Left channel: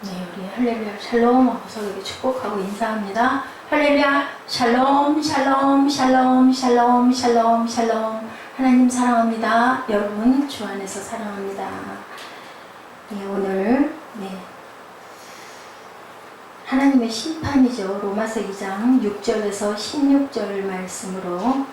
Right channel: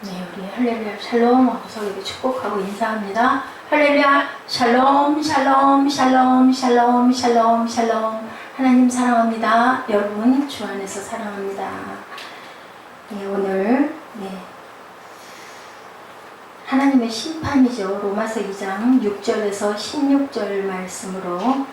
네, 우리 할렐루야 샬롬 하고서 이렇게 축복하고 인사합니다. 할렐루야 샬롬 샬롬 샬롬 샬롬 샬롬 샬롬. 하나님 사랑합니다. 여러분 주 안에서 사랑합니다. 네, 오늘 하나님의 심판이죠. 로마서 2장 6절에서 16절 말씀으로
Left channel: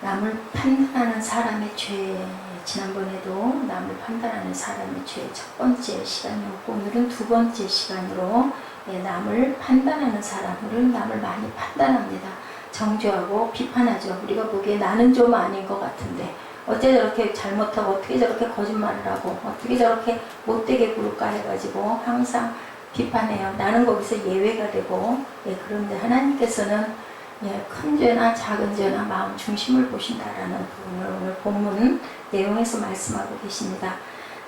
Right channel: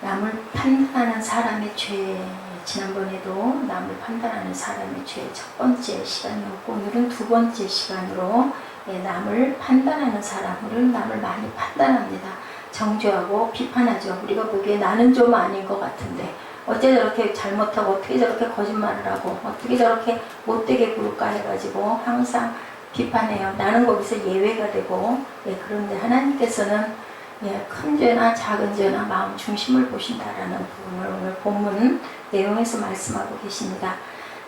남을 판단하는 사람의 죄, 지난번에도 남을 판단하는 사람의 죄 첫 번째 시간이었고, 오늘은 두 번째 시간으로 남을 판단하는 사람, 우리는 남을 많이 판단합니다. 정죄하고 비판하죠. 우리가 보기에 나는 좀 아닌 것 같은데 어째 저렇게 잘못하고 어떻게 저렇게 거짓말을 하고 어떻게 저렇게 못되게 굴까 해가지고 항상 비판해요. 나는 거기서 예외가 되고, 그런데 하나님께서는 큰 죄나 작은 죄나 마음 중심을 보신다라는 부분을 오늘 본문 내용에서 말씀하고 계십니다.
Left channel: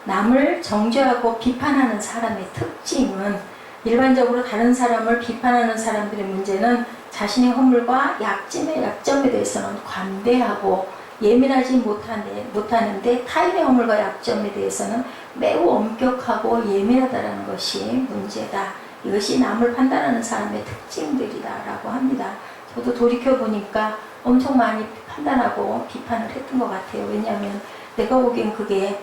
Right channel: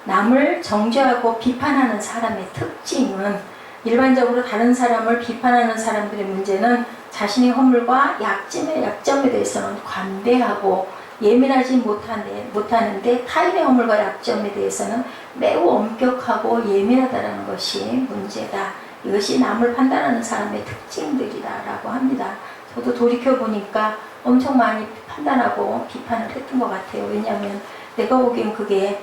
남을 정죄하고 비판하는 사람의 특징은, 일반적으로 다른 사람을 비판하는 사람들의 문제는 자신의 허물과 약점에 대해서는 관대하고 예민하지 못하는데 타인의 허물과 약점에 대해서는 매우 엄격하고 예민하다는 것이 문제다. 이것이 남을 판단하는 사람의 특징들이다라고 합니다. 저도 돌이켜보니까 엄청 많이 판단하고 비판을 했던 것 같아요. 왜냐하면 내가 보기엔 그게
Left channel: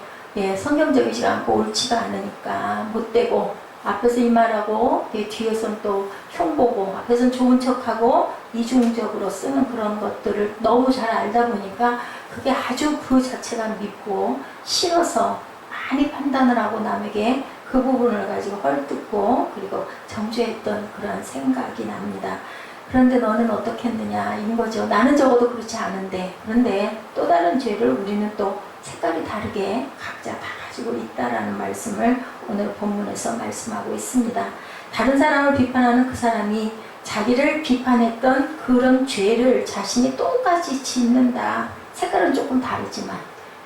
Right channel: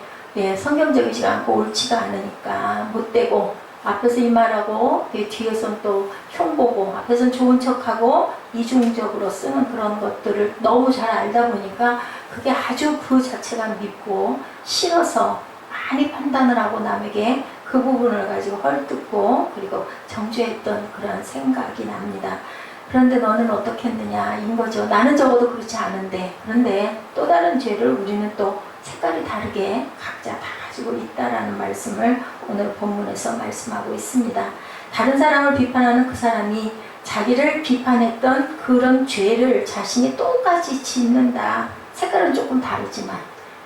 성경적이지 않고 옳지가 않으니까, 못되고 앞에서 이 말하고 뒤에선 또 흉보고 앞에선 좋은 척하고 이중적으로 쓰는 그런 것들을 너무 잘 알다 보니까 그게 아주 그 자체가 밉고 싫어서 많이 판단을 하고 남에게 그 부분을 가지고 헐뜯고 그리고 정죄했던 그런 생각이 납니다. 그런데 너는 어떻게 했느냐 인 거죠. 나는 적어도 그렇지 않은데, 그런데 또 다른 죄를 우리는 또 색깔이 다르게 각자 다 가지고 있다라는 말씀을 오늘 본문에서 말씀하고 있습니다. 다른 사람을 비판하는 그 사람이 자기를 비판했던 그런 죄를 자신이 똑같이 짓는다. 색깔은 조금 다르지만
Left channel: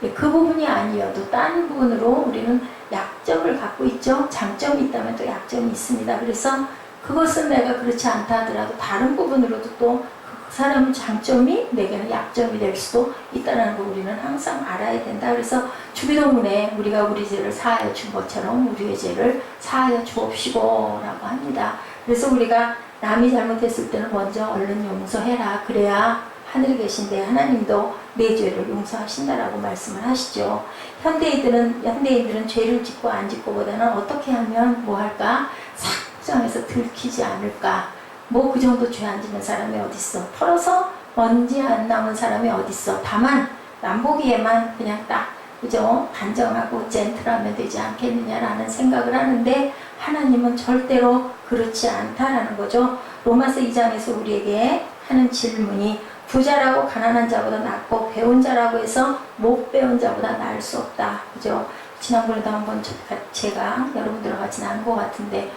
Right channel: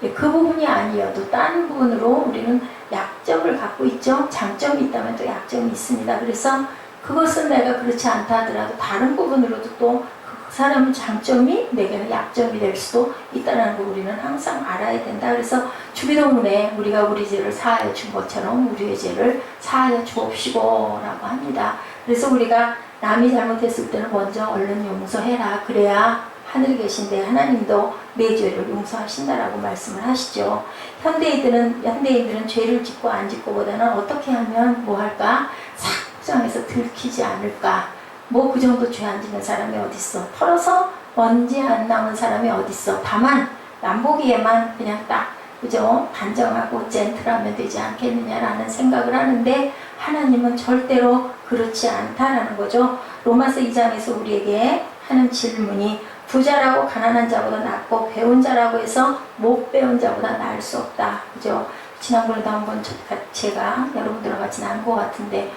그 부분이 아니어도 다른 부분으로 우리는 약점을 갖고 있죠. 장점이 있다면 또 약점이 있습니다. 그래서 그것은 내가 그렇지 않다 하더라도 다른 부분으로도 또 그 사람의 장점이 내게는 약점이 될 수도 있다는 걸 우리는 항상 알아야 된다. 그래서 주기도문에 우리가 우리 죄를 사하여 준 것처럼 우리의 죄를 사하여 주옵시고 라고 합니다. 그래서 우리가 남이 잘못했을 때는 먼저 얼른 용서해라. 그래야 하늘에 계신데 하나님도 내 죄를 용서하신다라고 말씀을 하시죠. 현대인들은 죄를 짓고 안 짓고보다는 어떻게 하면 뭐 할까? 상장에서 들키지 않을까? 뭐 그 정도 죄 안 짓는 사람이 어딨어? 털어서 먼지 안 남은 사람이 어딨어? 다만 남보기에만 그냥 딱 그죠? 단정하고 젠틀하면 되지 않겠느냐라는 생각을 하는데, 하나님은 절대로 그렇지 않다라는 거죠. 로마서 2장에서 우리에게 하는 질문이, 부자라고 가난한 자보다 낫고 배운 자라고 해서 못 배운 자보다 나을 수 없다. 그죠? 지난번에도 한번 제가 여러분들과 같이 나눈 것 같은데,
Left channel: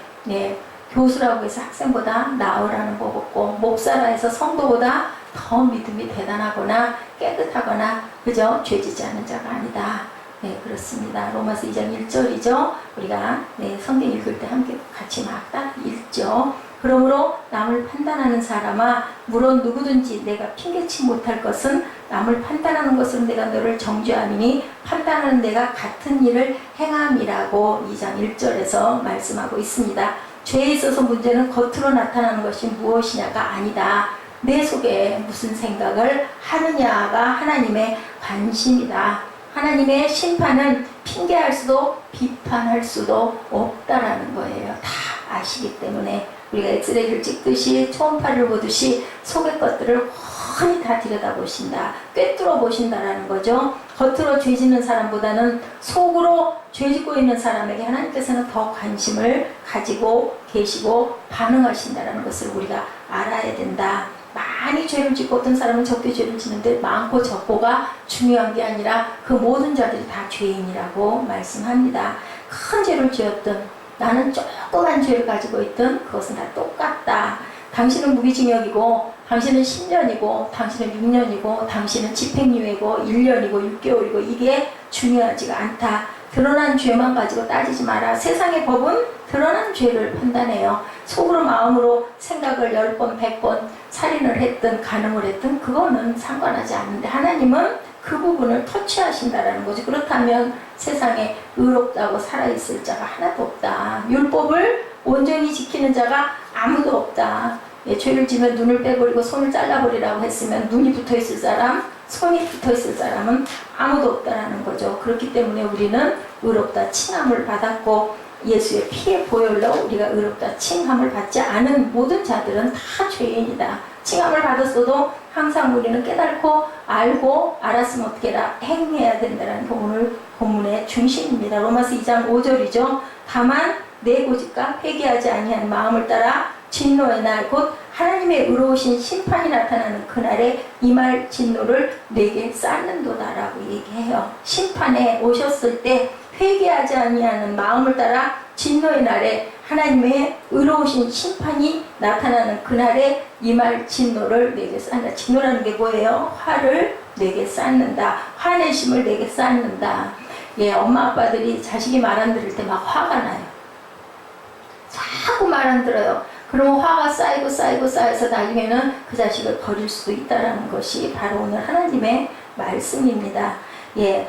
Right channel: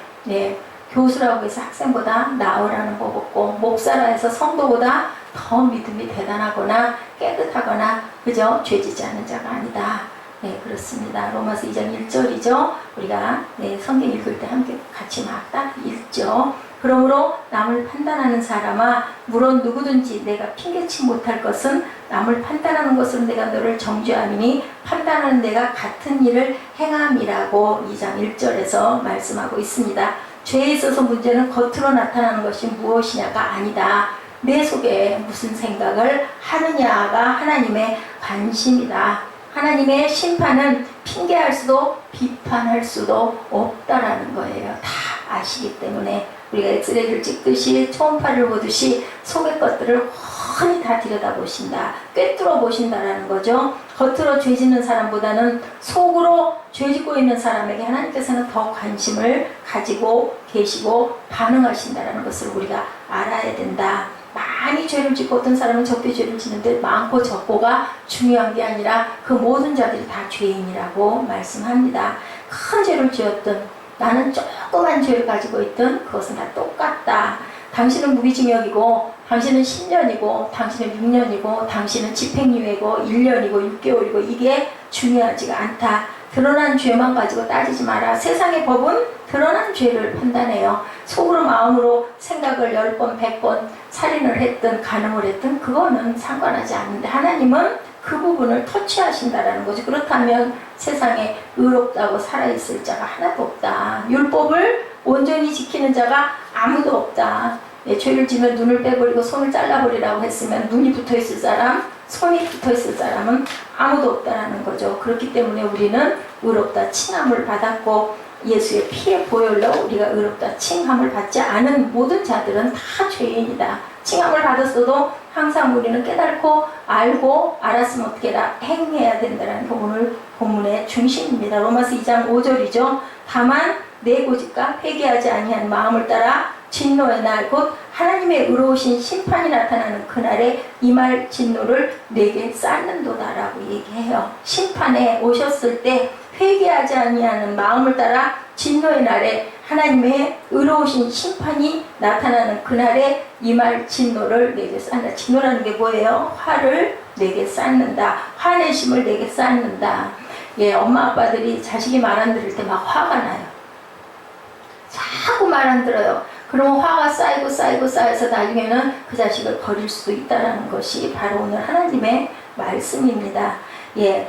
교수라고 해서 학생보다 나으라는 법 없고, 목사라 해서 성도보다 더 믿음이 대단하거나 깨끗하거나 그죠? 죄지지 않은 자가 아니다. 그렇습니다. 로마서 2장 1절이죠. 우리가 성경 읽을 때 함께 같이 막 딱 읽죠. 그러므로 남을 판단하는 사람아, 물론 누구든지 내가 핑계치 못할 것은 남을 판단하는 것으로 내가 너를 정죄함이니 판단하는 내가 같은 일을 행함이라고 2장 1절에서 말씀하고 있습니다. 죄에 있어서 문제는 겉으로 나타나는 것이 무엇이냐가 아니다. 내 속에 무슨 생각을 하느냐가 하나님의 관심이다. 하나님의 심판은 핑계할 수도 비판할 수도 없다라는 거예요. 다 아시기 때문에 우리가 엑스레이를 찍듯이 초음파를 보듯이 속의 것들을 훤히 다 들여다보신다. 꿰뚫어 보신다라는 거죠. 겉으로 죄 짓는 사람보다는 속으로 죄 짓고 있는 사람에게 하나님께서는 더 관심을 가지고 계시고 반응하신다라는 것을 우리가 알아야 된다. 많이 죄를 짓고 어떤 사람은 적게 죄를 짓는데 많고 적고가 중요한 게 아니라 그 모든 자들이 다 죄인이라고 말씀합니다. 큰 죄를 지었던 나는 조그만 죄를 가지고 있던 그것은 다 똑같다. 당신은 무기징역이고 당신은 10년이고 당신은 6년이고 당신은 집행유예고 1년이고 6개월이고 이게 중요하지가 않다. 드러난 죄만 가지고 따지지 마라. 세상의 법은 드러난 죄를 판단해요. 속으로 마음으로 생각을 10번 100번 살인을 했든 간음을 했든 그거는 상관하지 않는데, 하나님은 그 부분을 터치하신다라는 거죠. 그렇다면 세상에 의롭다고 살아있을 자가 하나도 없다. 율법을 온전히 지키는 자가 아무도 없다. 예, 죄를 지면 눈을 빼버리고 손을 잘라버리라고 했으면 눈이 붙어있을 사람, 손이 붙어있을 사람은 아무도 없다라는 거죠. 그렇기 때문에 우리는 의롭다 칭함을 받았고, 예수의 피의 보혈로 우리가 의롭다 칭함을 받지 않은 모든 자들은 다 죄인이다. 칭함을 받았어도 항상 우리는 깨닫고 알고 알았으면 어떻게 해라? 행해야 된다는 게 오늘 본문의 중심입니다. 로마서 2장 5절이죠. 다만 내 고집과 회개하지 아니한 마음을 따라 진노의 날 곧 하나님의 의로우신 심판이 나타나는 그날에 이 말 진노를 내게 쌓는도다라고 얘기해요. 심판에 오셨을 때 회개하지 아니하는 마음을 따라 진노의 날에 하나님의 의로우신 심판이 나타나는 그날에 이 말 진노를 내게 쌓는다. 진노라는 게 뭐예요? 화를 내게 쌓는다. 화내심을 내게 쌓는다. 예, 엄마 아빠들이 자식이 말 안 들을 때 막 화가 나요. 자꾸 말 안 들어요. 그러면 화가 쌓여서 나중에는 그 자식을 버릴 수도 있다는 것이 바로 오늘 하나님의 말씀입니다. 예,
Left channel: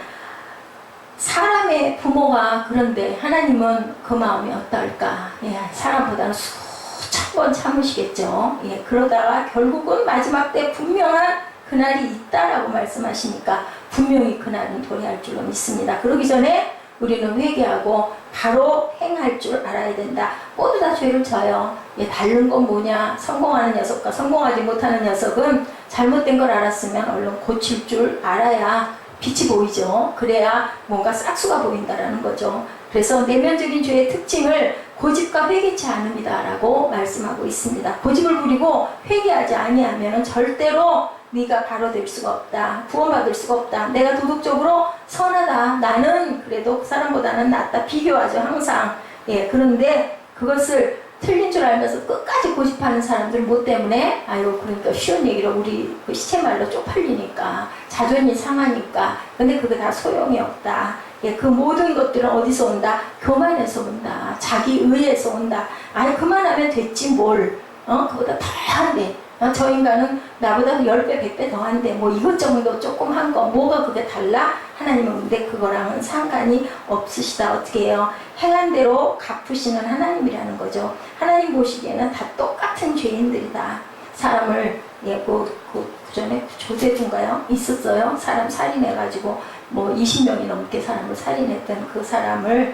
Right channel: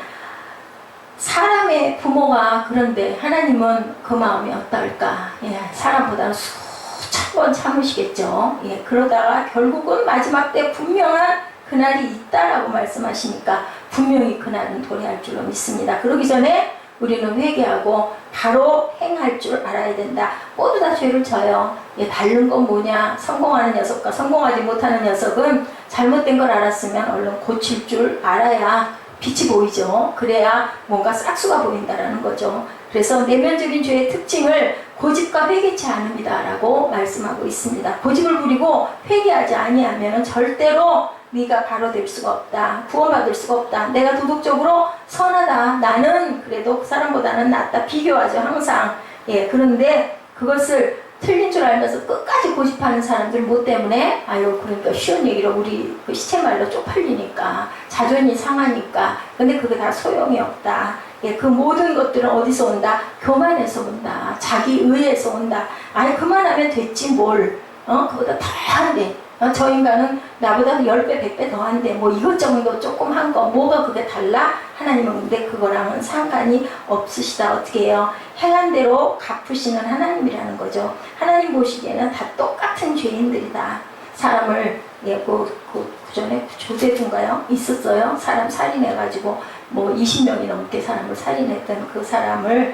사람의 부모가 그런데 하나님은 그 마음이 어떨까? 예, 사람보다는 수천 번 참으시겠죠. 예, 그러다가 결국은 마지막 때 분명한 그날이 있다라고 말씀하시니까 분명히 그날은 도래할 줄로 믿습니다. 그러기 전에 우리는 회개하고 바로 행할 줄 알아야 된다. 모두 다 죄를 져요. 예, 다른 건 뭐냐? 성공하는 녀석과 성공하지 못하는 녀석은 잘못된 걸 알았으면 얼른 고칠 줄 알아야 빛이 보이죠. 그래야 뭔가 싹수가 보인다라는 거죠. 그래서 내면적인 죄의 특징을 고집과 회개치 않음이다라고 말씀하고 있습니다. 고집을 부리고 회개하지 아니하면 절대로 네가 바로 될 수가 없다. 구원받을 수가 없다. 내가 도덕적으로 선하다. 나는 그래도 그 사람보다는 낫다. 비교하죠, 항상. 예, 그런데 그것을 틀린 줄 알면서 끝까지 고집하는 사람들 뭐 때문에? 아유, 그러니까 쉬운 얘기로 우리 그 시체말로 쪽팔리니까, 자존이 상하니까. 근데 그게 다 소용이 없다. 예, 그 모든 것들은 어디서 온다? 교만에서 온다. 자기 의에서 온다. 아니, 그만하면 됐지 뭘. 그보다 더 한대. 저 인간은 나보다 10배, 100배 더 한대. 뭐 이것저것 조금 한 거. 뭐가 그게 달라? 하나님은 근데 그거랑은 상관이 없으시다. 어떻게 해요? 행한 대로 갚으시는 하나님이라는 거죠. 하나님 보시기에는 다 똑같은 죄인들이다. 사람을, 예, 그 전에 조세군가요? 있었어요. 사람 살인해가지고 뭐 20명이 넘게 사람을 살인했던 그 사람을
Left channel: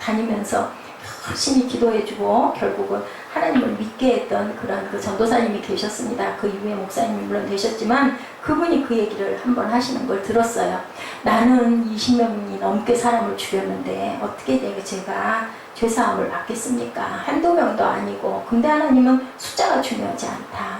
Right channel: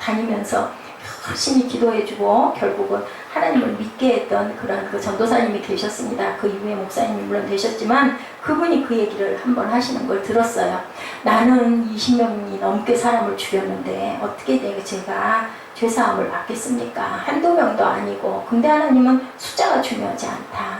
다니면서 열심히 기도해주고 결국은 하나님을 믿게 했던 그런 그 전도사님이 계셨습니다. 그 이후에 목사님이 물론 되셨지만 그분이 그 얘기를 한번 하시는 걸 들었어요. 나는 20명이 넘게 사람을 죽였는데 어떻게 제가 죄사함을 받겠습니까? 한두 명도 아니고. 근데 하나님은 숫자가 중요하지 않다.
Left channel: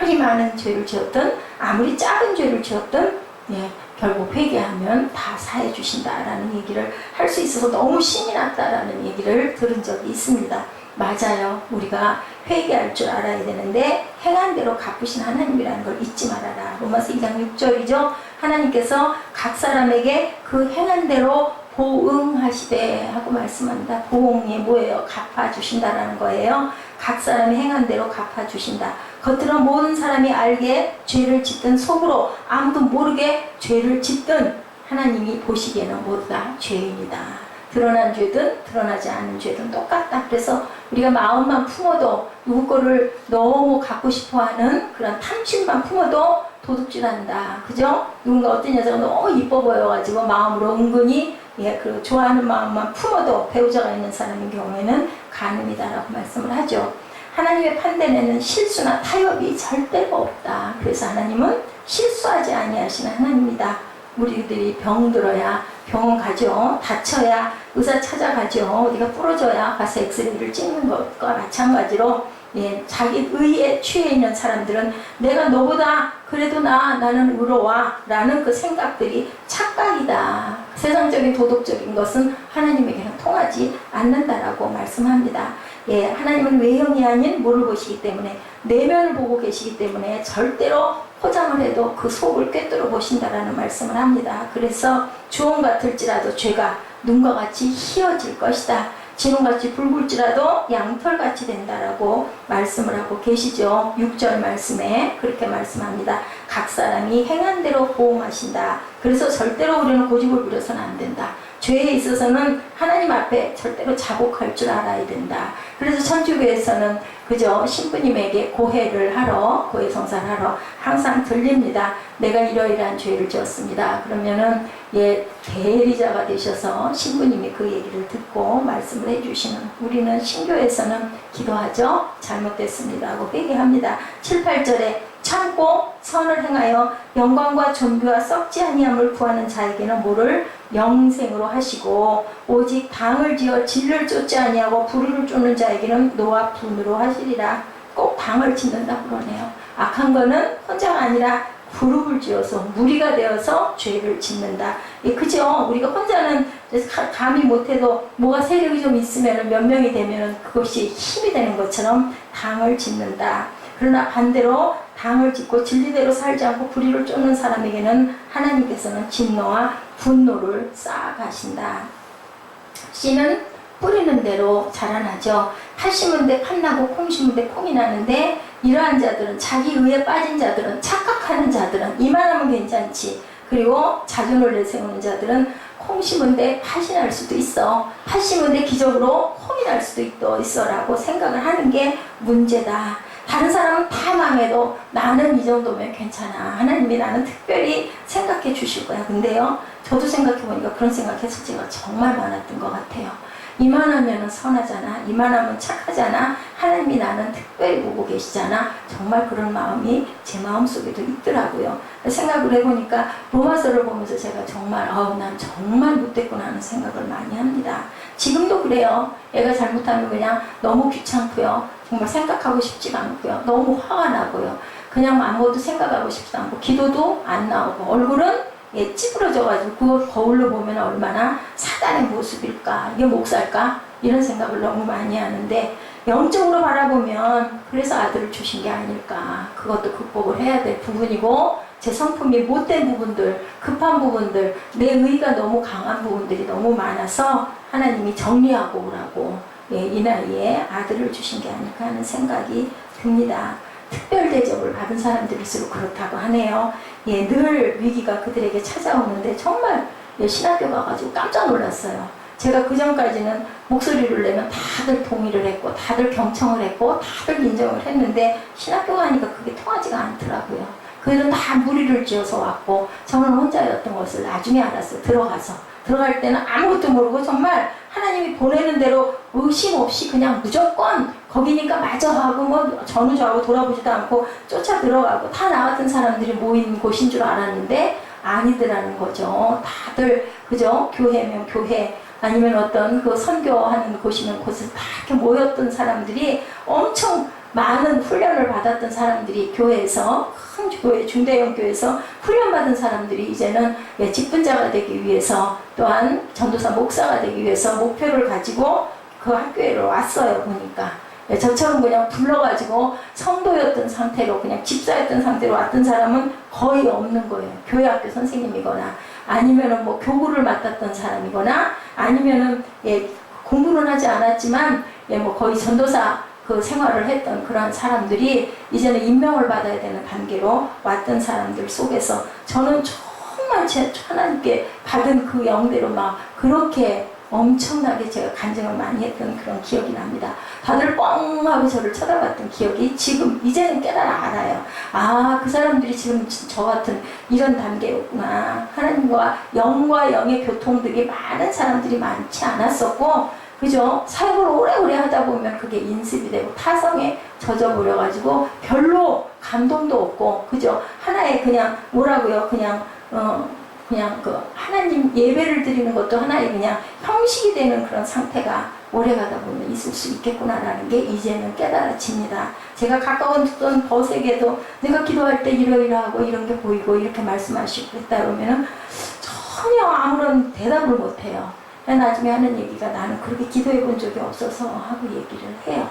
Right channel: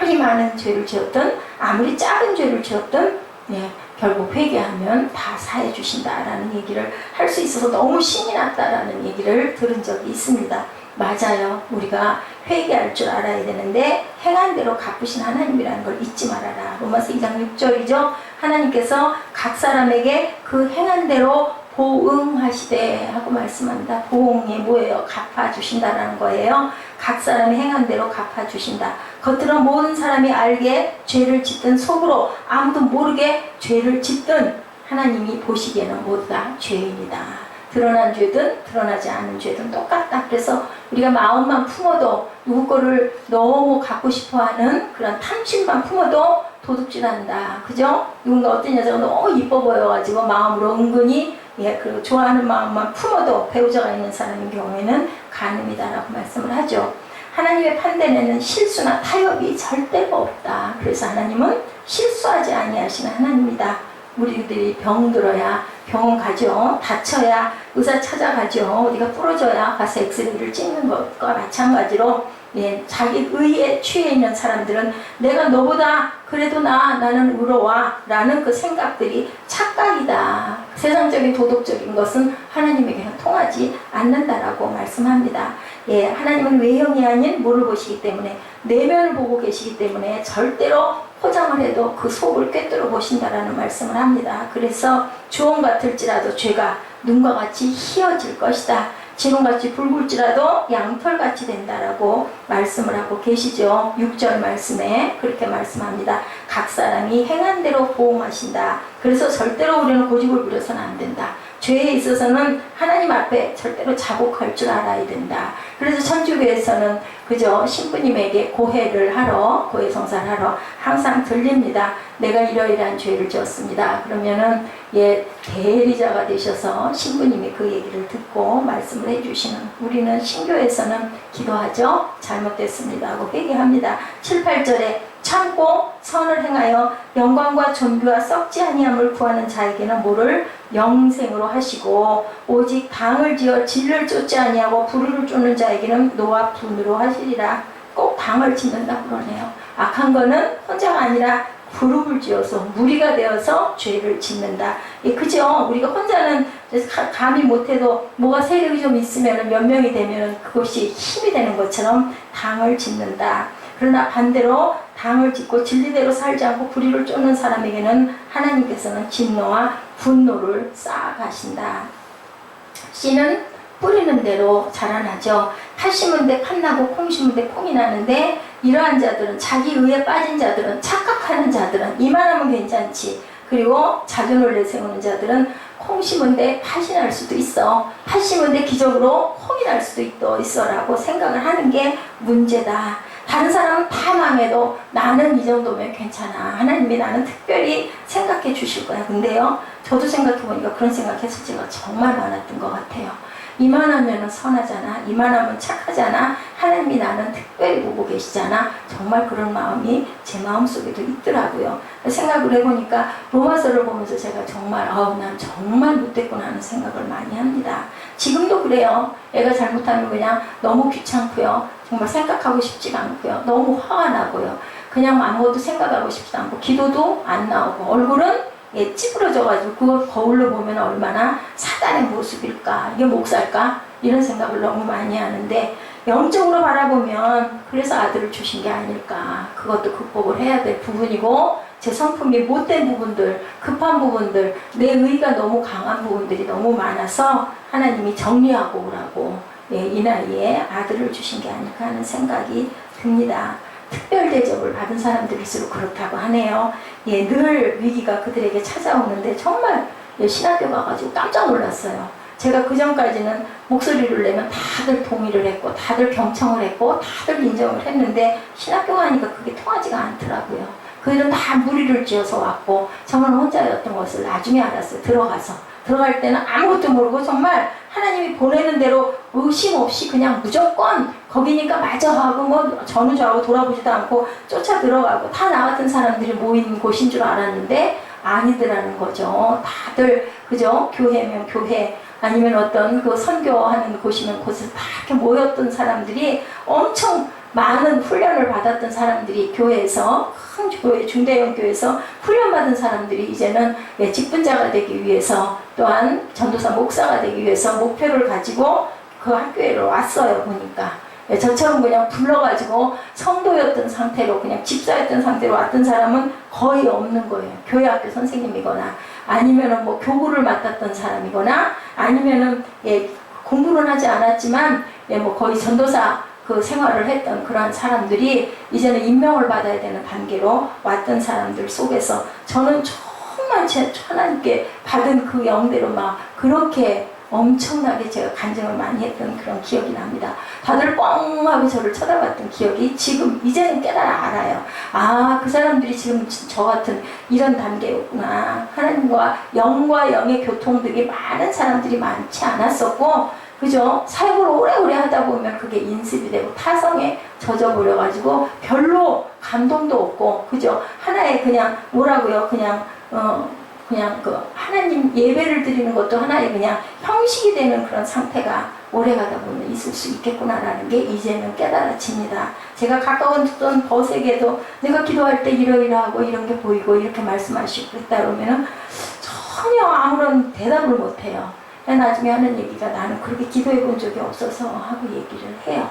아무리 많은 죄를 지었든 아무리 작은 죄를 지었든, 예, 결국 회개하면 다 사해 주신다라는 얘기를 할 수 있어서 너무 신이 났다라는 얘기를 들은 적이 있습니다. 맞아요. 우리가 회개할 줄 알아야 되는데 행한 대로 갚으신 하나님이라는 걸 잊지 말아라. 로마서 2장 6절이죠. 하나님께서 각 사람에게 그 행한 대로 보응하시되 하고 말씀합니다. 보응이 뭐예요? 갚아주신다라는 거예요. 각 사람이 행한 대로 갚아주신다. 겉으로 모든 사람이 알게 죄를 짓든 속으로 아무도 모르게 죄를 짓든 하나님이 보시기에는 모두 다 죄인이다. 드러난 죄든 드러나지 않은 죄든 똑같다. 그래서 우리가 마음만 품어도 누구 거를 너무 갖고 싶어하는 그런 탐심만 품어도 도둑질한다. 그죠? 누군가 어떤 여자가 너무 이뻐 보여가지고 마음으로 은근히, 예, 그 좋아하는 마음만 품어도 배우자가 있는 사람인 경우에는 간음이다라고 말씀을 하죠. 하나님의 판단에는 실수나 타협이 절대가 없다. 그래서 하나님은 실수하지 아니하시는 하나님이다. 우리들이 병들어야 병원 가죠. 다쳐야 의사 찾아가죠. 어디가 부러져야 가서 엑스레이를 찍는 것과 마찬가지로, 예, 자기 의에 취해 있는 사람들은 내가 너보다 그래도 나는 의로워 라는 그 생각들이 착각이다. 세상적인 도덕적인 것은 하나님에게는 통하지 않는다라고 말씀합니다. 예, 하나님은 외형이 아닌 뭐를 보시기 때문에, 내면을 보고 계시기 때문에 절대로 포장을 해도 그 속을 꿰뚫어 보신다라는 말씀을 합니다. 그래서 주홍 같을지라도 죄가 눈과 같이 희어질 것이다. 지름같이 붉을지라도 양털같이 된다라고 말씀을 하고 계시죠. 6절 말씀에 그렇게 말씀합니다. 각 사람이 행한 대로 보응하신다. 그래서 절대로 우리는 고집을 부려서는 안 된다. 죄에 있어서는 하나님 앞에 절대로 자복할 줄 알아야 된다. 그래서 천주교에서는 그저 신부님에게 고해 성사를 하러 항상 들립니다. 내가 이러이러한 죄를 지었습니다. 그러면은 대리자가 되셔서 신부님이 그 얘기를 듣고 말씀을 해주시는, 우리는 신교에서는 기도하죠. 잘못됐습니다 하고 회개합니다. 7, 8절에 참고 선을 행하여 영광과 존귀와 썩지 아니함을 구하는 자에게는 뭐를 영생으로 하시고, 오직 당을 지어 진리를 쫓지 아니하고 불의를 쫓는 자에게는 노와 분으로 하시리라. 꼭 당을 짓는다 그러네요. 악한 거는 혼자가 아니라 그룹을 지어서 무리가 되어서 죄를 짓는다. 그죠? 우리가 혼자는 감히 못해도 뭐가 세력이 좀 있으면 몇 명이 되면 그것이 힘이 되는 것처럼 당을 짓는다. 그러나 반대로 당을 짓고 진리대로 살지 않고 불의를 쫓는 사람에게는 하나님께서는 진노와 분노를 쌓아가신다. 씨는 뿌리는 대로 자라나죠. 팥 심은 데 팥 나고 콩 심은 데 콩이 나는데, 이러한 자들은, 자기 의에 빠진 자들은, 착각하는 자들은 이만하면 괜찮지. 그리고 자존을 내세우는 자들은 콩 심은 데 팥이 날 수도 있어. 팥 심은 데 기적으로 콩이 날 수도 있어 라고 생각을 하는 게 문제다. 다른 사람은 다 망해도 나는 이 정도면 괜찮아. 하나님이 나는 특별히 생각해 주실 거야. 근데요, 저도 생각해 보니까 그런 생각했을 때가 정말 많았던 것 같아요. 이만하면 선하잖아. 이만하면 착하잖아. 하나님이 나는 특별히 보고 계시잖아. 정말 그런 마음이 제 마음속에도 있더라고요. 생각을 해보니까 로마서를 보면서 제가 정말 난 정말 못됐구나 하는 생각을 많이 합니다. 지금도 그래요. 애가 잘못하면 그냥 너무 귀찮고요. 정말 생각하고 싶지가 않고요. 너무 화가 나고요. 그냥 아무것도 생각하고 싶지도 않고 기도도 안 나오고, 얼굴은 찌그러져가지고 그걸 거울로 보면 얼마나 사단의 모습일까, 이게 목살까, 이런 생각을 너무 많이 하는데, 영적으로 바라보면 그래서 아들을 주신 게 아닐까. 그것도 극복을 해야 될 부분이고, 제 성품이 못된 부분들, 급한 부분들, 내 의가 너무 강한 부분들이 너무 많아서 하나님이 정리하고 오라고 이 나이에 아들을 주신 게 아닐까 하는 생각이 듭니다. 특별 대접을 받은 사람들일수록 그렇다고 하네요. 늘 위기가 그들에게 찾아오는데 정말 신학교 가가지고 깜짝 놀랐어요. 제가 그 전까지는 목소리를 내면 다들 동의를 했고, 다들 경청을 했고, 다들 인정을 했는데, 신학교 가니까 그게 통하지가 않더라고요. 그들은 다 무리를 지어서 왔고, 저는 혼자였던 것을 나중에 알았어요. 들어갈 때는 아무것도 모르고 정말 하나님이 보내는 대로 의심 없이 그냥 무조건 거기니까 맞아 하고 뭐 전우좌우 돌아보지도 않고 쫓아 들어가고, 다 나 같은 사람들이 모인 곳인 줄 알았는데 아니더라는 거죠. 다들 그죠? 교회면 교회, 아니면 어떤 그 선교하는 곳이면 곳에서 다 이렇게 모였던 사람들이, 엄청 많은 훈련을 받았던 사람들이, 교회에서, 큰 교회, 중대형 교회에서 훈련받은 사람들이 이제는 직분자가 되기 위해서, 또한 전도사 목사가 되기 위해서 목표를 가지고 그 학교에 왔어요. 보니까 저처럼 그냥 불러가지고 성도였던 상태로, 그냥 집사였던 상태로 왔던 사람은 거의 없는 거예요. 교회 학교 선생님이거나, 아니면은 뭐 교구를 맡았던 사람이거나, 아니면은 공부는 하지 않았지만 뭐 거의 전도사 그 생활을 했던 그러한 사람들이 이제는 임명을 받아야 되는 단계로 왔던 사람들 속에서, 저는 정말 하나님께 받은 그 영대로 막 그렇게 엄청나게 제가 간증을 많이 했던 그런 기억이 납니다. 다들 뻥 하고 저를 쳐다봤던 기억이 지금 이제는 깨달아 알아요. 그 사람들이 지금 저 같은 이런 단계였구나. 하나님과 영의 교통들이 많은 사람들이 많지 않았었고, 그죠? 사역을 오래오래 하다 보면 그게 인습이 되고 타성에 젖어버려가지고 별로 감동도 없고, 그죠? 하나의 그냥 뭐라고요? 그냥 그 하나님 예배를 드리는 것도 하나의 그냥 형식이 되는 그런 상태가 오래가다 보면 있을 수 있겠구나라는 게 이제는 깨달아집니다. 제가 가까웠던 벗에게도 내가 기도할 때 이러이러하고 이런 게 보이고 이렇게 말씀하시고 그랬다 그러면은 전혀 아무런 대답을 못해요. 나중에 하는 얘기가, 나는 그렇게 기도해 본 적이 없어서 하고 얘기를 해요.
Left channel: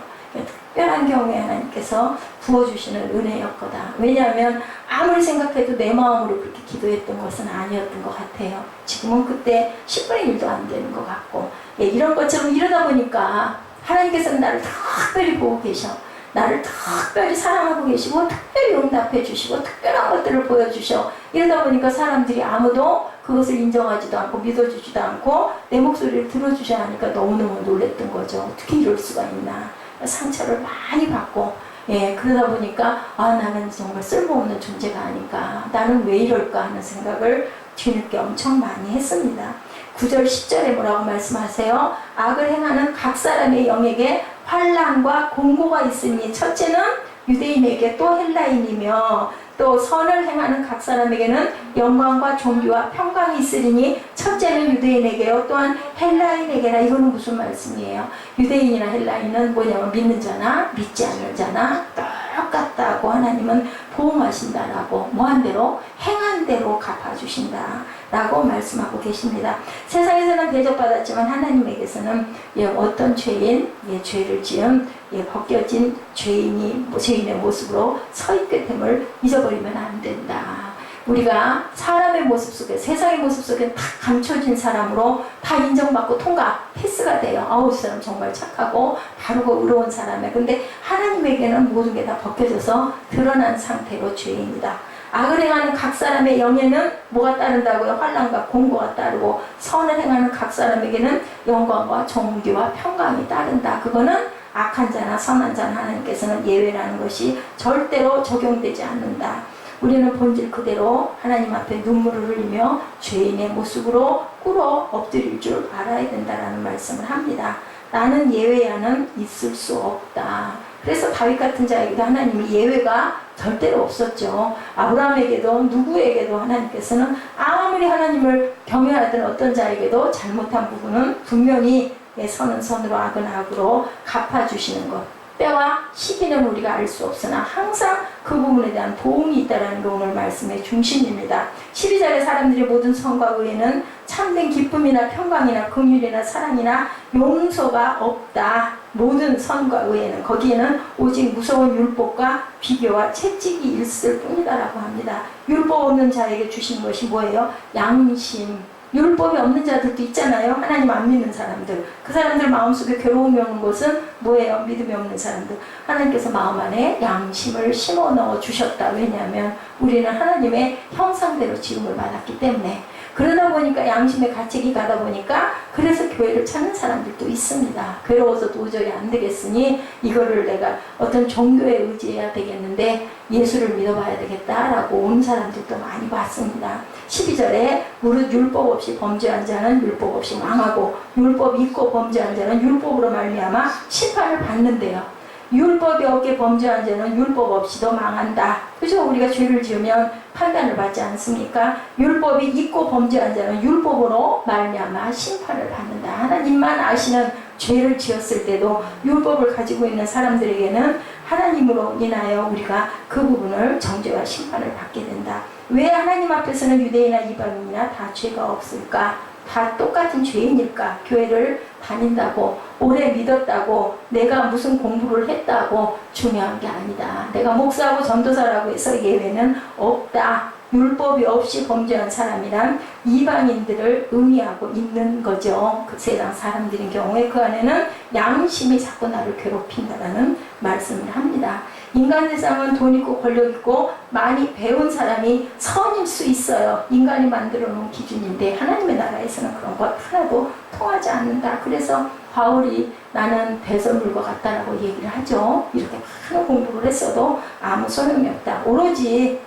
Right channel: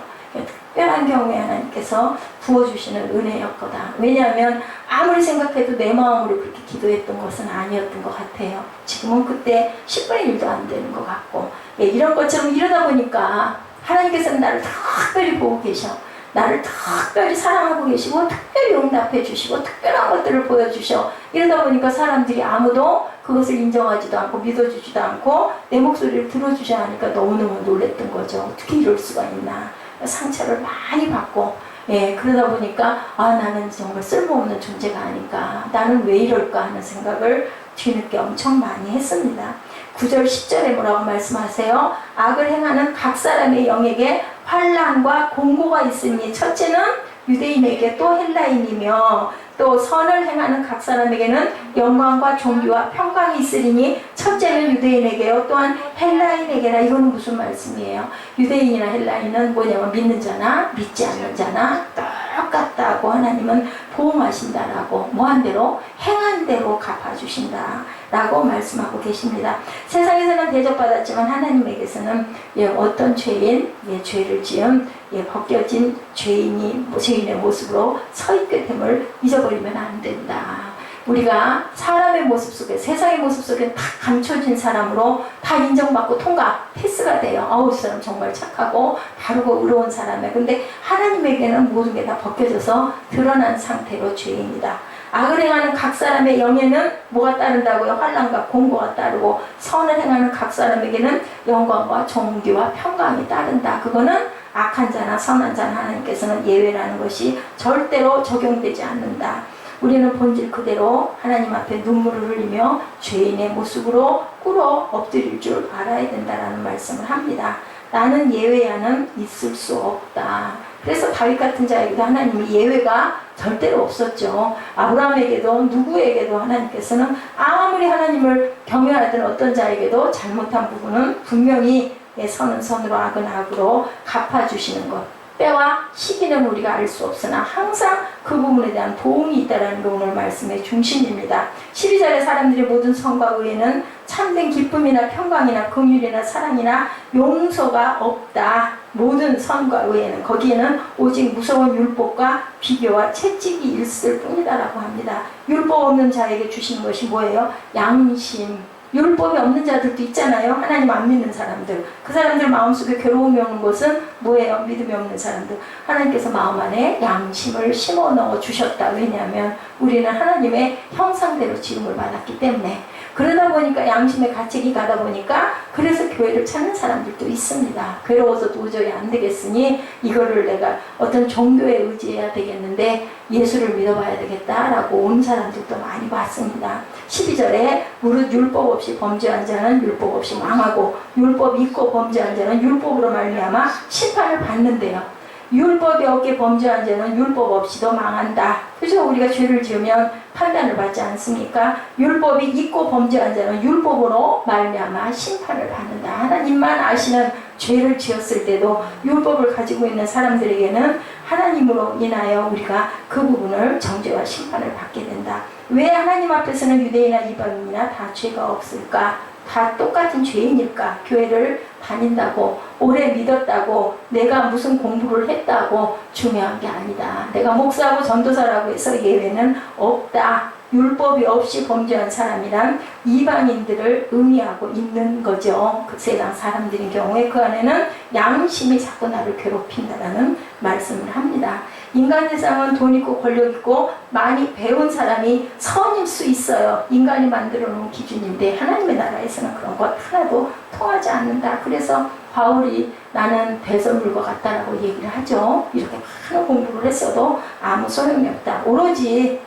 특별한 경우에 하나님께서 부어주시는 은혜였거다. 왜냐하면 아무리 생각해도 내 마음으로 그렇게 기도했던 것은 아니었던 것 같아요. 지금은 그때 10분의 1도 안 되는 것 같고, 예, 이런 것처럼 이러다 보니까 하나님께서는 나를 특별히 보고 계셔. 나를 특별히 사랑하고 계시고 특별히 응답해 주시고 특별한 것들을 보여주셔. 이러다 보니까 사람들이 아무도 그것을 인정하지도 않고 믿어주지도 않고 내 목소리를 들어주셔야 하니까 너무너무 놀랬던 거죠. 어떻게 이럴 수가 있나. 상처를 많이 받고, 예, 그러다 보니까 나는 정말 쓸모없는 존재가 아닐까, 나는 왜 이럴까 하는 생각을 뒤늦게 엄청 많이 했습니다. 9절 10절에 뭐라고 말씀하세요? 악을 행하는 각 사람의 영에게 환난과 공고가 있으니, 첫째는 유대인에게 또 헬라인이며 또 선을 행하는 각 사람에게는 영광과 존귀와 평강이 있으리니, 첫째는 유대인에게요 또한 헬라인에게라. 이거는 무슨 말씀이에요? 유대인이나 헬라인은 뭐냐면 믿는 자나 믿지 않는 자나 똑같다고 하나님은 보응하신다라고, 뭐한 대로 행한 대로 갚아주신다 라고 말씀하고 계십니다. 세상에서는 대접받았지만 하나님에게서는, 예, 어떤 죄인, 예, 죄를 지은, 예, 벗겨진 죄인의 모습으로 서 있게 됨을 잊어버리면 안 된다. 우리가 사람의 모습 속에, 세상의 모습 속에 다 감춰진 사람으로 다 인정받고 통과, 패스가 돼요. 이 사람 정말 착하고 바르고 의로운 사람이야. 근데 하나님에게는 모든 게 다 벗겨져서 드러난 상태로 죄인이다. 악을 행하는 각 사람의 영에는 뭐가 따른다고요? 환난과 공고가 따르고, 선을 행하는 각 사람에게는 영광과 존귀와 평강이 따른다. 그거는 악한 자나 선한 자나 하나님께서는 예외라는 것이 절대로 적용되지 않는다. 우리는 본질 그대로 하나님 앞에 눈물을 흘리며 죄인의 모습으로 꿇어 엎드릴 줄 알아야 된다라는 말씀을 합니다. 나는 예외야는 있을 수 없다. 그래서 다윗 같은 자에게도 하나님이 예외가 절대로 없었죠. 아브라함에게도 누구에게도 하나님께서는 아무리 하나님을 경외하던 어떤 자에게도 잘못한 부분은 분명히 선은 선으로 악은 악으로 갚아주시는 것, 때와 시기는 우리가 알 수 없으나 항상 그 부분에 대한 도움이 있다는 게 오늘 말씀의 중심입니다. 12절에 사람들의 모든 선과 의에는 참된 기쁨이나 평강이나 긍휼이나 사랑이나 용서가 없다. 모든 선과 의에는, 거기에는 오직 무서운 율법과 비교와 채찍이 있을 뿐이다라고 합니다. 율법 없는 자에게 주시는 것이 뭐예요? 양심. 율법이 없는 자들도 있잖아요. 하나님 안 믿는 사람들. 그 사람들 마음속에 괴로움이 오는 것은 뭐예요? 믿음이 없는 사람들. 하나님께서 마음 안에 양심을 심어 넣어 주셨다. 왜냐하면 우리는 하나님의 형상대로 지음을 받았기 때문에. 그러다 보니까 양심의 가책이 가다 보니까, 그래서 교회를 찾는 사람들도 있습니다. 괴로워서 도저히 안 되겠으니 이거를 내가 어떤 종교에 의지해야 되겠는데 예수를 믿어봐야 되겠다라고 온 사람들도 많이 봤습니다. 12절에 무릇 율법 없이 범죄한 자는 율법 없이 망하고 율법 있고 범죄한 자는 율법으로 말미암아 심판을 받는데요. 율법이 없게 범죄한 자는 율법 없이도 망한다. 그죠? 우리가 죄를 지으면 판단을 받지 않습니까? 율법이 있고 범죄한 자는 율법으로 말미암아 심판을 받는다. 하나님만 아시는 죄를 지었을 때도 율법을 가지고 있는 사람들에게는 하나님으로 인하여 우리가 그 부분을 정죄와 심판을 받게 된다. 왜 하나님 앞에서는 유대인이나 이방인이나 다 죄가 없을까? 다 똑같은 죄인일까? 교회를 다닌다고, 오래 믿었다고, 내가 무슨 공부를 했다고 중요한 게 아니다. 내가 목사하고 전도사라고 해서 예외는 없다. 율법이 없이 범죄한 사람이란 이방인들을 의미하고 있는 거죠. 그 세상 사람들인 경우에 그 안에는 양심이 자꾸 나를 괴롭힌다라는 말씀을 합니다. 인간 세상은 돈 있고 권력 있고 많이 배운 사람이 선일 수 있어요. 인간이 만들어 놓은 기준인데 하나님의 나라에서는 그런 것 하나도 통하지 않는다. 그래서 바울이 나는 배설물과 같다라고 얘기를 하죠. 이렇게 많은 공부를 했어도 아무 소용이 없다. 오로지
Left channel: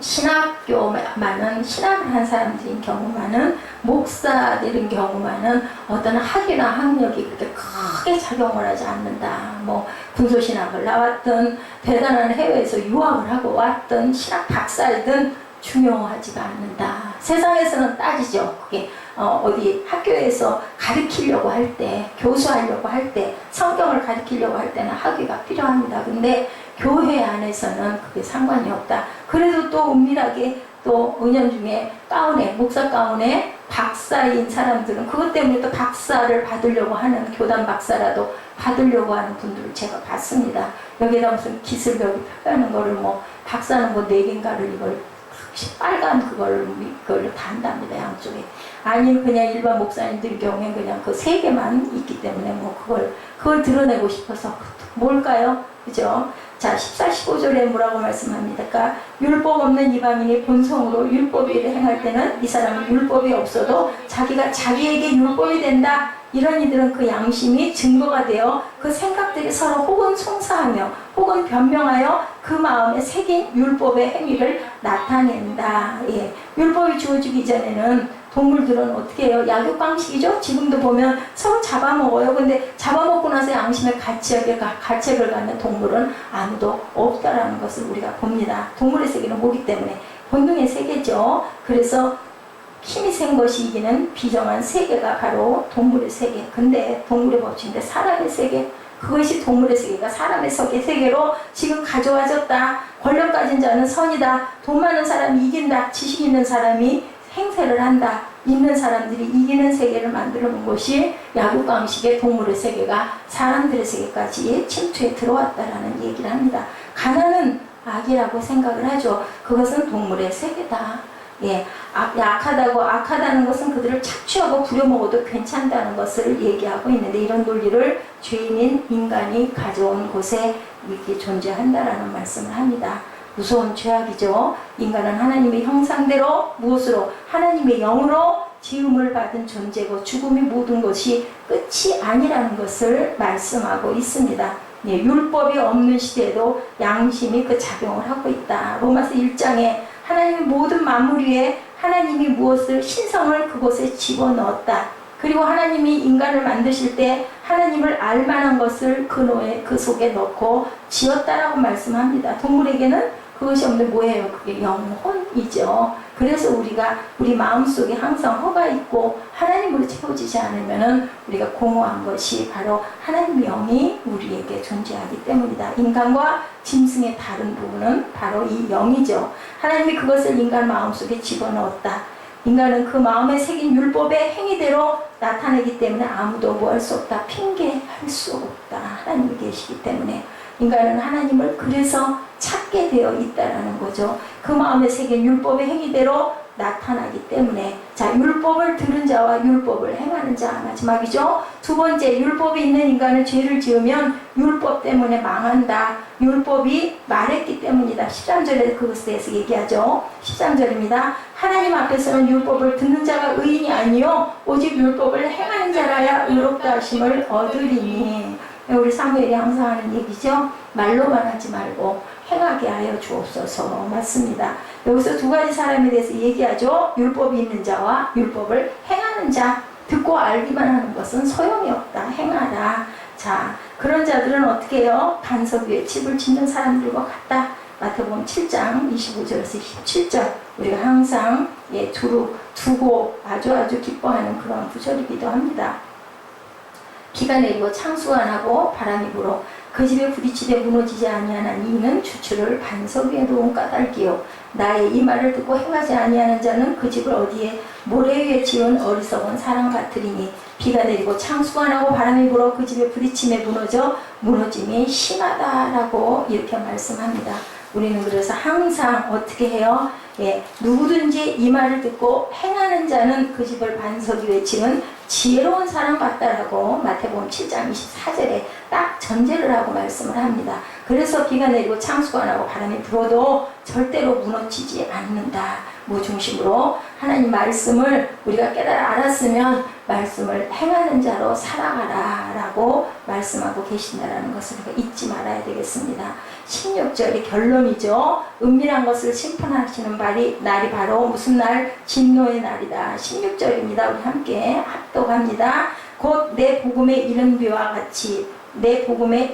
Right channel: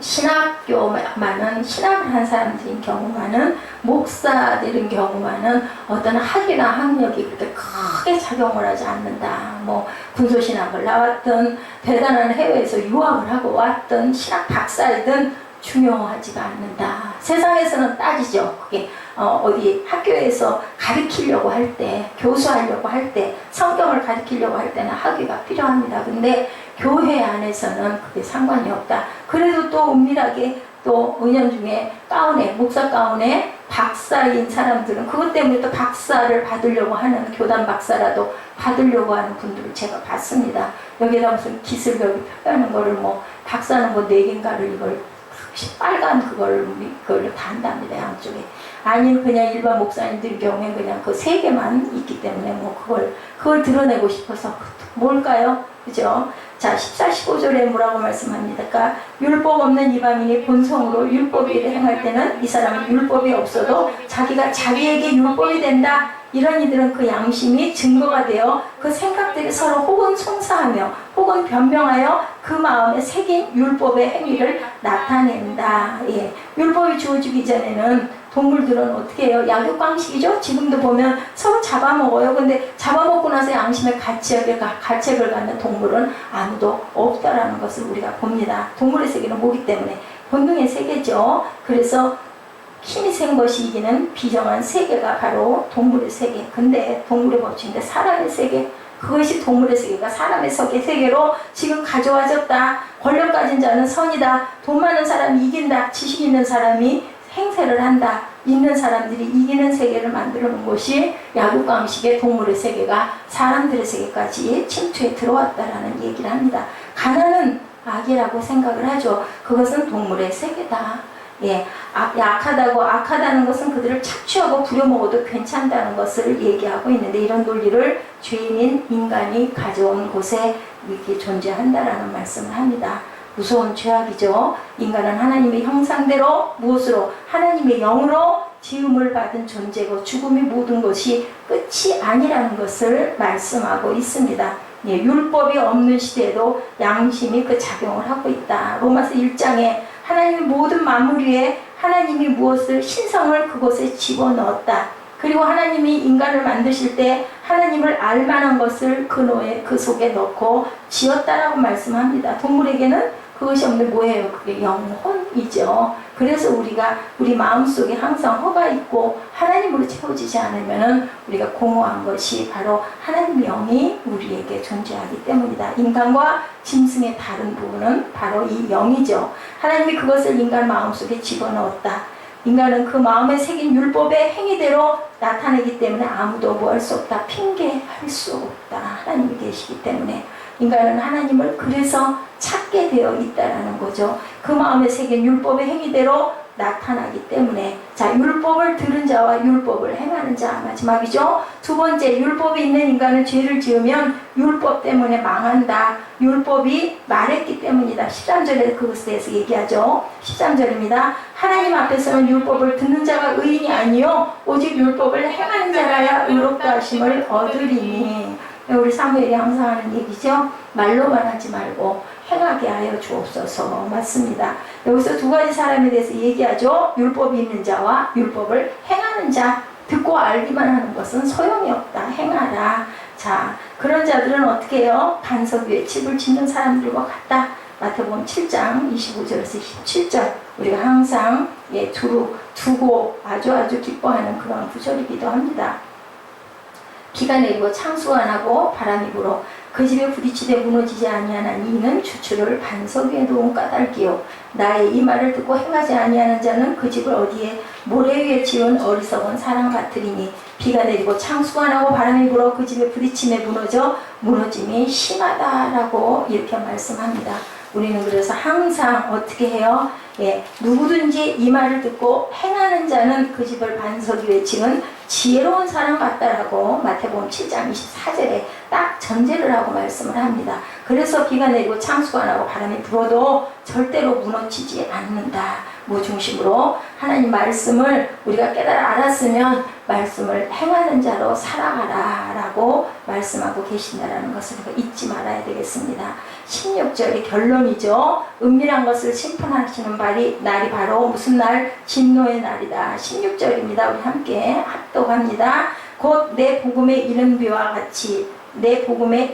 신학교만은, 신학을 한 사람들인 경우만은, 목사들인 경우만은 어떤 학위나 학력이 그렇게 크게 작용을 하지 않는다. 뭐 군소신학을 나왔든 대단한 해외에서 유학을 하고 왔든 신학 박사이든 중요하지가 않는다. 세상에서는 따지죠. 그게 어디 학교에서 가르치려고 할 때, 교수하려고 할 때, 성경을 가르치려고 할 때는 학위가 필요합니다. 근데 교회 안에서는 그게 상관이 없다. 그래도 또 은밀하게 또 은연중에 가운에 목사 가운에 박사인 사람들은 그것 때문에 또 박사를 받으려고 하는 교단 박사라도 받으려고 하는 분들을 제가 봤습니다. 여기다 무슨 기술력이 표현하는 거를 뭐 박사는 뭐 4개인가를 이걸 빨간 그걸 다 한답니다. 양쪽에. 아니면 그냥 일반 목사님들 경우엔 그냥 그 3개만 있기 때문에 뭐 그걸 드러내고 싶어서 뭘까요? 그죠? 자, 14, 15절에 뭐라고 말씀합니까? 그러니까 율법 없는 이방인이 본성으로 율법을 행할 때는 이 사람은 율법이 없어도 자기가 자기에게 율법이 된다. 이런 이들은 그 양심이 증거가 되어 그 생각들이 서로 혹은 송사하며 혹은 변명하여 그 마음에 새긴 율법의 행위를 나타낸다. 예. 율법이 주어지기 전에는 동물들은 어떻게 해요? 약육강식이죠? 지금도 보면 서로 잡아먹어요. 근데 잡아먹고 나서 양심의 가책을 갖는 동물은 아무도 없다라는 것을 우리가 봅니다. 동물의 세계는 뭐기 때문에 본능의 세계죠. 그래서 힘이 센 것이 이기는 비정한 세계가 바로 동물의 세계. 근데 동물의 법칙인데 사람의 세계, 그것이 동물의 세계가 사람의 세계로 지금 가져와졌다. 권력 가진 자는 선이다. 돈 많은 사람이 이긴다. 지식 있는 사람이 행세를 한다. 있는 사람들이 이기는 세계를 만들어 놓은 것이 야구강식의 동물의 세계가 사람들의 세계까지 침투해 들어왔다라는 얘기를 합니다. 가난은 악이라고 생각을 하죠. 그것은 동물의 세계다. 예, 악하다는 것은 그들을 착취하고 부려먹어도 괜찮다는 것을 얘기하고 있는데, 이런 논리를 죄인인 인간이 가져온 곳에 이렇게 존재한다라는 말씀을 합니다. 무서운 죄악이죠. 인간은 하나님의 형상대로 무엇으로? 하나님의 영으로 지음을 받은 존재고 죽음이 모든 것이 끝이 아니라는 것을 말씀하고 있습니다. 예, 율법이 없는 시대에도 양심이 그 작용을 하고 있다. 로마서 1장에 하나님의 모든 만물 위에 하나님이 무엇을 신성을 그곳에 집어넣었다. 그리고 하나님이 인간을 만드실 때 하나님을 알만한 것을 그 속에 넣고 지었다라고 말씀합니다. 동물에게는 그것이 없는데 뭐예요? 그게 영혼이죠. 그래서 우리 마음속에 항상 허가 있고 하나님으로 채워지지 않으면 우리가 공허한 것이 바로 하나님의 영이 우리에게 존재하기 때문이다. 인간과 짐승의 다른 부분은 바로 이 영이죠. 하나님이 그것을 인간 마음속에 집어넣었다. 인간은 그 마음에 새긴 율법의 행위대로 나타내기 때문에 아무도 뭐 할 수 없다. 핑계할 수 없다. 하나님이 계시기 때문에 인간은 하나님을 그래서 찾게 되어 있다라는 거죠. 그 마음에 새긴 율법의 행위대로 나타나기 때문에, 자, 율법을 들은 자와 율법을 행하는 자, 마지막이죠. 두 번째, 율법이 있는 인간은 죄를 지으면 율법 때문에 망한다. 율법이 말했기 때문이다. 13절에 그것에 대해서 얘기하죠. 13절입니다. 하나님 앞에서는 율법을 듣는 자가 의인이 아니요 오직 율법을 행하는 자라야 의롭다 하심을 얻으리니. 우리 사무엘이 항상 하는 얘기죠. 말로만 하지 말고 행하게 하여 주옵소서. 맞습니다. 여기서 두 가지 사람에 대해서 얘기하죠. 율법이 있는 자와 율법을 행하는 자. 듣고 알기만 하는 것은 소용이 없다. 행하라. 자, 그런 자들은 어떻게 해요? 반석 위에 집을 짓는 사람들과 같다. 마태복음 7장 25절에서 27절. 우리가 항상 두고 아주 기뻐하는 그런 구절이기도 합니다. 비가 내리고 창수가 나고 바람이 불어 그 집에 부딪히되 무너지지 아니하나니 이는 주추를 반석 위에 놓은 까닭이요 나의 이 말을 듣고 행하지 아니하는 자는 그 집을 어디에 모래 위에 지은 어리석은 사람 같으리니 비가 내리고 창수가 나고 바람이 불어 그 집에 부딪힘에 무너짐이 심하다라고 이렇게 말씀합니다. 우리는 그래서 항상 어떻게 해요? 예, 누구든지 이 말을 듣고 행하는 자는 그 집을 반석 위에 지은 지혜로운 사람 같다라고 마태복음 7장 24절에 딱 전제를 하고 말씀을 합니다. 그래서 비가 내리고 창수가 나고 바람이 불어도 절대로 무너지지 않는다. 무중심으로 하나님 말씀을 우리가 깨달아 알았으면 말씀을 행하는 자로 살아가라 라고 말씀하고 계신다는 것을 우리가 잊지 말아야 되겠습니다. 16절이 결론이죠. 은밀한 것을 심판하시는 날이 바로 무슨 날? 진노의 날이다. 16절입니다. 우리 함께 합독합니다. 곧 내 복음의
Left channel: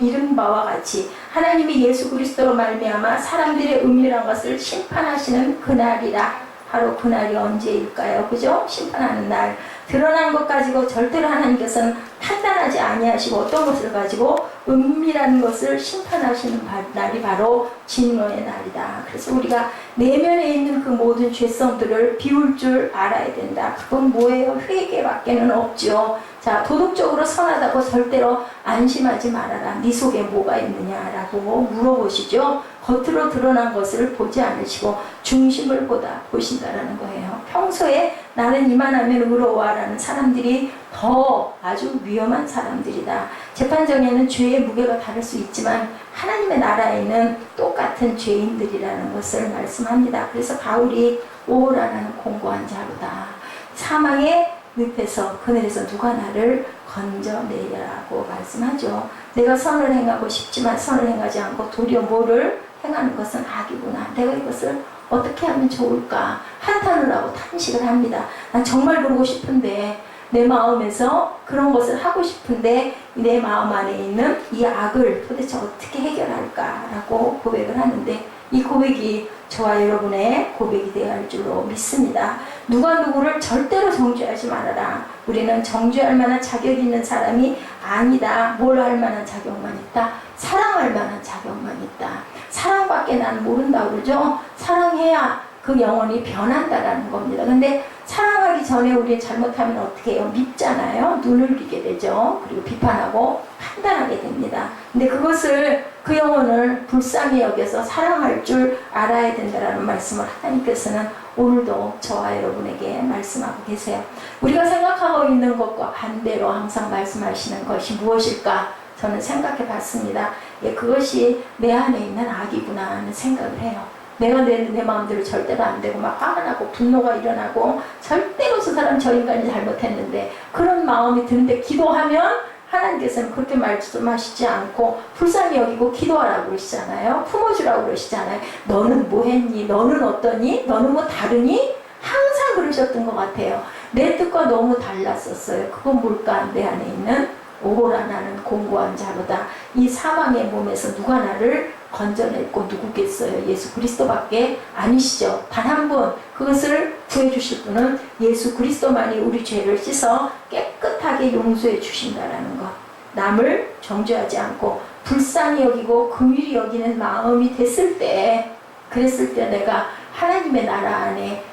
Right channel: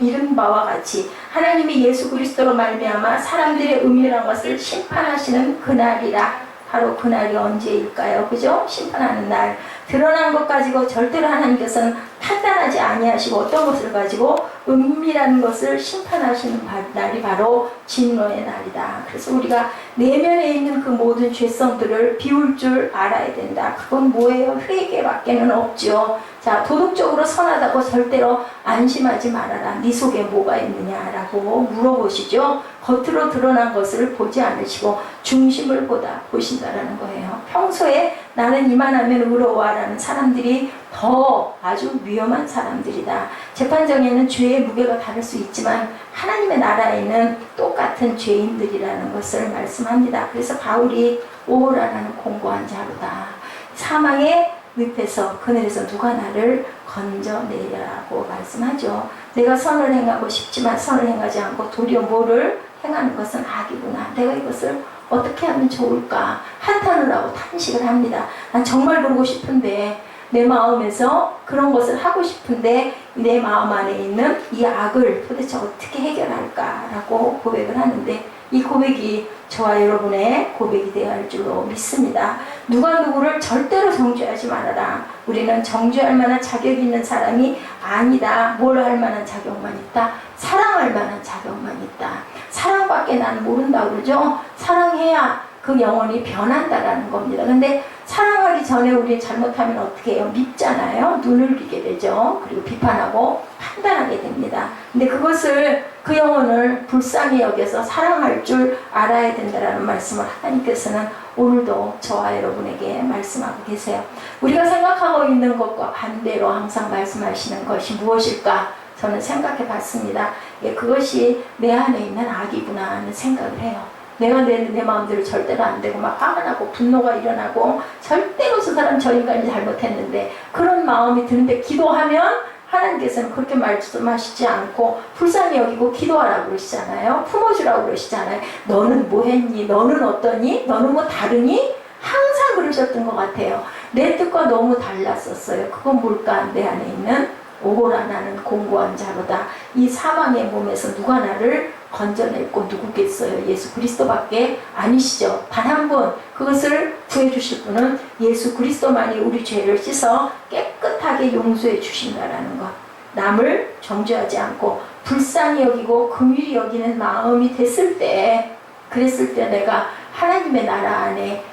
이른 바와 같이 하나님이 예수 그리스도로 말미암아 사람들의 은밀한 것을 심판하시는 그날이라. 바로 그날이 언제일까요? 그죠? 심판하는 날. 드러난 것 가지고 절대로 하나님께서는 판단하지 아니하시고 어떤 것을 가지고 은밀한 것을 심판하시는 날이 바로 진노의 날이다. 그래서 우리가 내면에 있는 그 모든 죄성들을 비울 줄 알아야 된다. 그건 뭐예요? 회개밖에는 없죠. 자, 도덕적으로 선하다고 절대로 안심하지 말아라. 네 속에 뭐가 있느냐라고 물어보시죠. 겉으로 드러난 것을 보지 않으시고 중심을 보신다라는 거예요. 평소에 나는 이만하면 의로워라는 사람들이 더 아주 위험한 사람들이다. 재판정에는 죄의 무게가 다를 수 있지만 하나님의 나라에는 똑같은 죄인들이라는 것을 말씀합니다. 그래서 바울이 오호라라는 공고한 자로다. 사망의 늪에서 그늘에서 누가 나를 건져내라고 말씀하죠. 내가 선을 행하고 싶지만 선을 행하지 않고 도리어 뭐를 행하는 것은 악이구나. 내가 이것을 어떻게 하면 좋을까? 한탄을 하고 탄식을 합니다. 난 정말 그러고 싶은데 내 마음에서 그런 것을 하고 싶은데 내 마음 안에 있는 이 악을 도대체 어떻게 해결할까라고 고백을 하는데 이 고백이 저와 여러분의 고백이 되어야 할 줄로 믿습니다. 누가 누구를 절대로 정죄하지 말아라. 우리는 정죄할 만한 자격이 있는 사람이 아니다. 뭘 할 만한 자격만 있다? 사랑할 만한 자격만 있다. 사랑밖에 난 모른다 그러죠. 사랑해야 그 영혼이 변한다라는 겁니다. 근데 사랑하기 전에 우리 잘못하면 어떻게 해요? 밉잖아요. 눈을 비게 되죠. 그리고 비판하고 판단하게 됩니다. 근데 그것을 그 영혼을 불쌍히 여겨서 사랑할 줄 알아야 된다라는 말씀을 하나님께서는 오늘도 저와 여러분에게 말씀하고 계세요. 우리가 생각하고 있는 것과 반대로 항상 말씀하시는 것이 무엇일까? 저는 생각해 봤습니다. 예, 그것이 내 안에 있는 악이구나 하는 생각을 해요. 내가 내 마음대로 절대로 안 되고 막 화가 나고 분노가 일어나고 절대로 저 사람 저 인간이 잘못했는데 그런 마음이 드는데 기도하면 하나님께서는 그렇게 말씀하시지 않고 불쌍히 여기고 기도하라고 그러시잖아요. 품어주라고 그러시잖아요. 너는 뭐 했니? 너는 어떠니? 너는 뭐 다르니? 항상 그러셨던 것 같아요. 내 뜻과 너무 달랐었어요. 그건 뭘까? 내 안에 있는 오호라 나는 공고한 자로다. 이 사망의 몸에서 누가 나를 건져냈고 누구겠어요? 예수 그리스도밖에 아니시죠. 단 한 분, 그것을 구해주실 분은 예수 그리스도만이 우리 죄를 씻어 깨끗하게 용서해 주신다라는 것. 남을 정죄하지 않고 불쌍히 여기고 긍휼히 여기는 마음이 됐을 때, 그랬을 때 내가 하나님의 나라 안에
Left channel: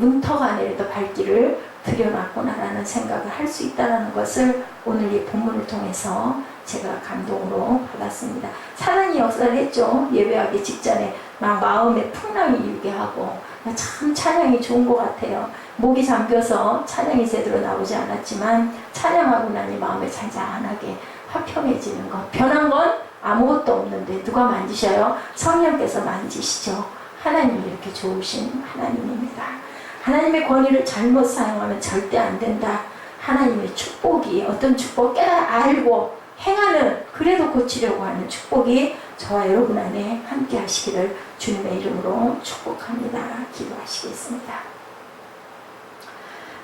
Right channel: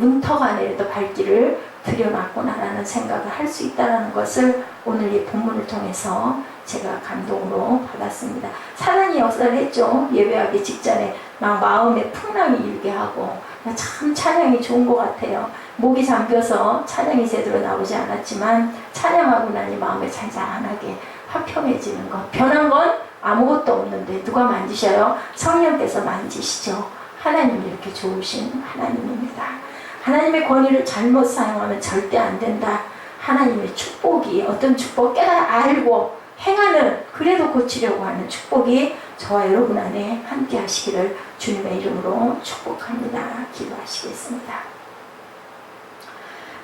문턱 안에라도 발길을 들여놨구나라는 생각을 할 수 있다는 것을 오늘 이 본문을 통해서 제가 감동으로 받았습니다. 사단이 역사를 했죠. 예배하기 직전에 막 마음에 풍랑이 일게 하고 참 찬양이 좋은 것 같아요. 목이 잠겨서 찬양이 제대로 나오지 않았지만 찬양하고 나니 마음에 잔잔하게 화평해지는 것. 변한 건 아무것도 없는데 누가 만지셔요? 성령께서 만지시죠. 하나님이 이렇게 좋으신 하나님입니다. 하나님의 권위를 잘못 사용하면 절대 안 된다. 하나님의 축복이 어떤 축복 깨달아 알고 행하는 그래도 고치려고 하는 축복이 저와 여러분 안에 함께 하시기를 주님의 이름으로 축복합니다. 기도하시겠습니다.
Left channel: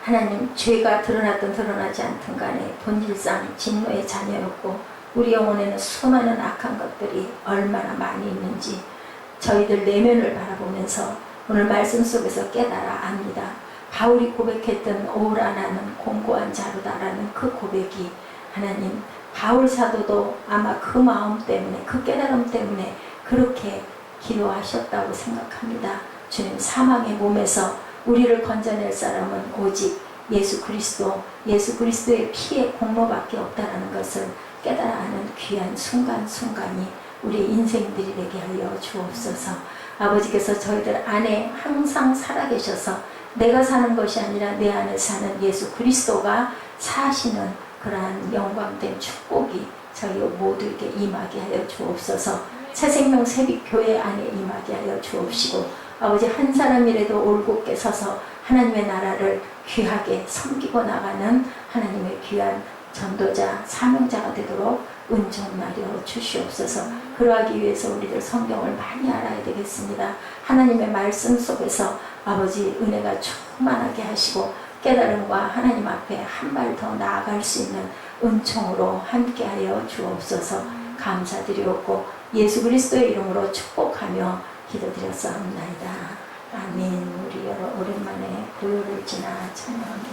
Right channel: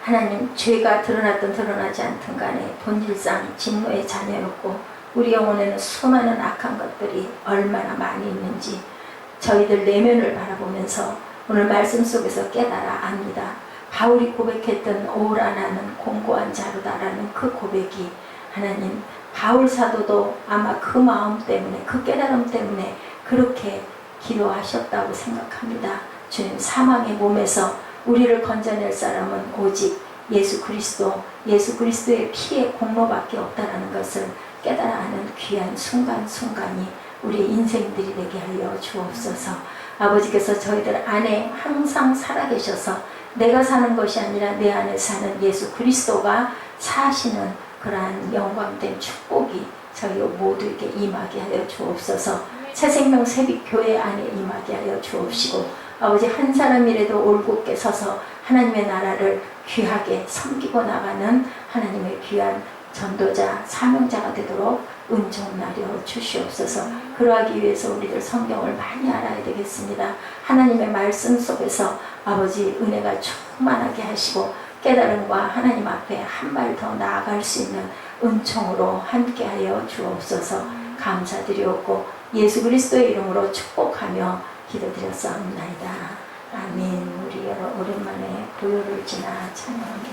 하나님, 죄가 드러났든 드러나지 않든 간에 본질상 진노의 자녀였고 우리 영혼에는 수많은 악한 것들이 얼마나 많이 있는지 저희들 내면을 바라보면서 오늘 말씀 속에서 깨달아 압니다. 바울이 고백했던 오라 나는 공고한 자로다라는 그 고백이 하나님 바울 사도도 아마 그 마음 때문에 그 깨달음 때문에 그렇게 기도하셨다고 생각합니다. 주님, 사망의 몸에서 우리를 건져낼 사람은 오직 예수 그리스도의 피의 공로밖에 없다라는 것을 깨달아 아는 귀한 순간순간이 우리 인생들이 되게 하여 주옵소서. 아버지께서 저희들 안에 항상 살아계셔서 내가 사는 것이 아니라 내 안에 사는 예수 그리스도가 사시는 그러한 영광된 축복이 저희 모두에게 임하게 하여 주옵소서. 새생명 새빛교회 안에 임하게 하여 주옵시고 아버지 한 사람이라도 올곧게 서서 하나님의 나라를 귀하게 섬기고 나가는 하나님의 귀한 전도자, 사명자가 되도록 은총나려 주시옵소서. 그러하기 위해서 우리들 성경을 많이 알아야 되겠습니다. 하나님의 말씀 속에서 아버지 은혜가 충만하게 하시고 깨달음과 하나님 앞에 한 발 더 나아갈 수 있는 은총으로 함께하여 주옵소서. 감사드리옵고 예수 그리스도의 이름으로 축복하며 기도드렸사옵나이다. 아멘. 우리 여러 오랜만에 고요를 지나 찬양합니다.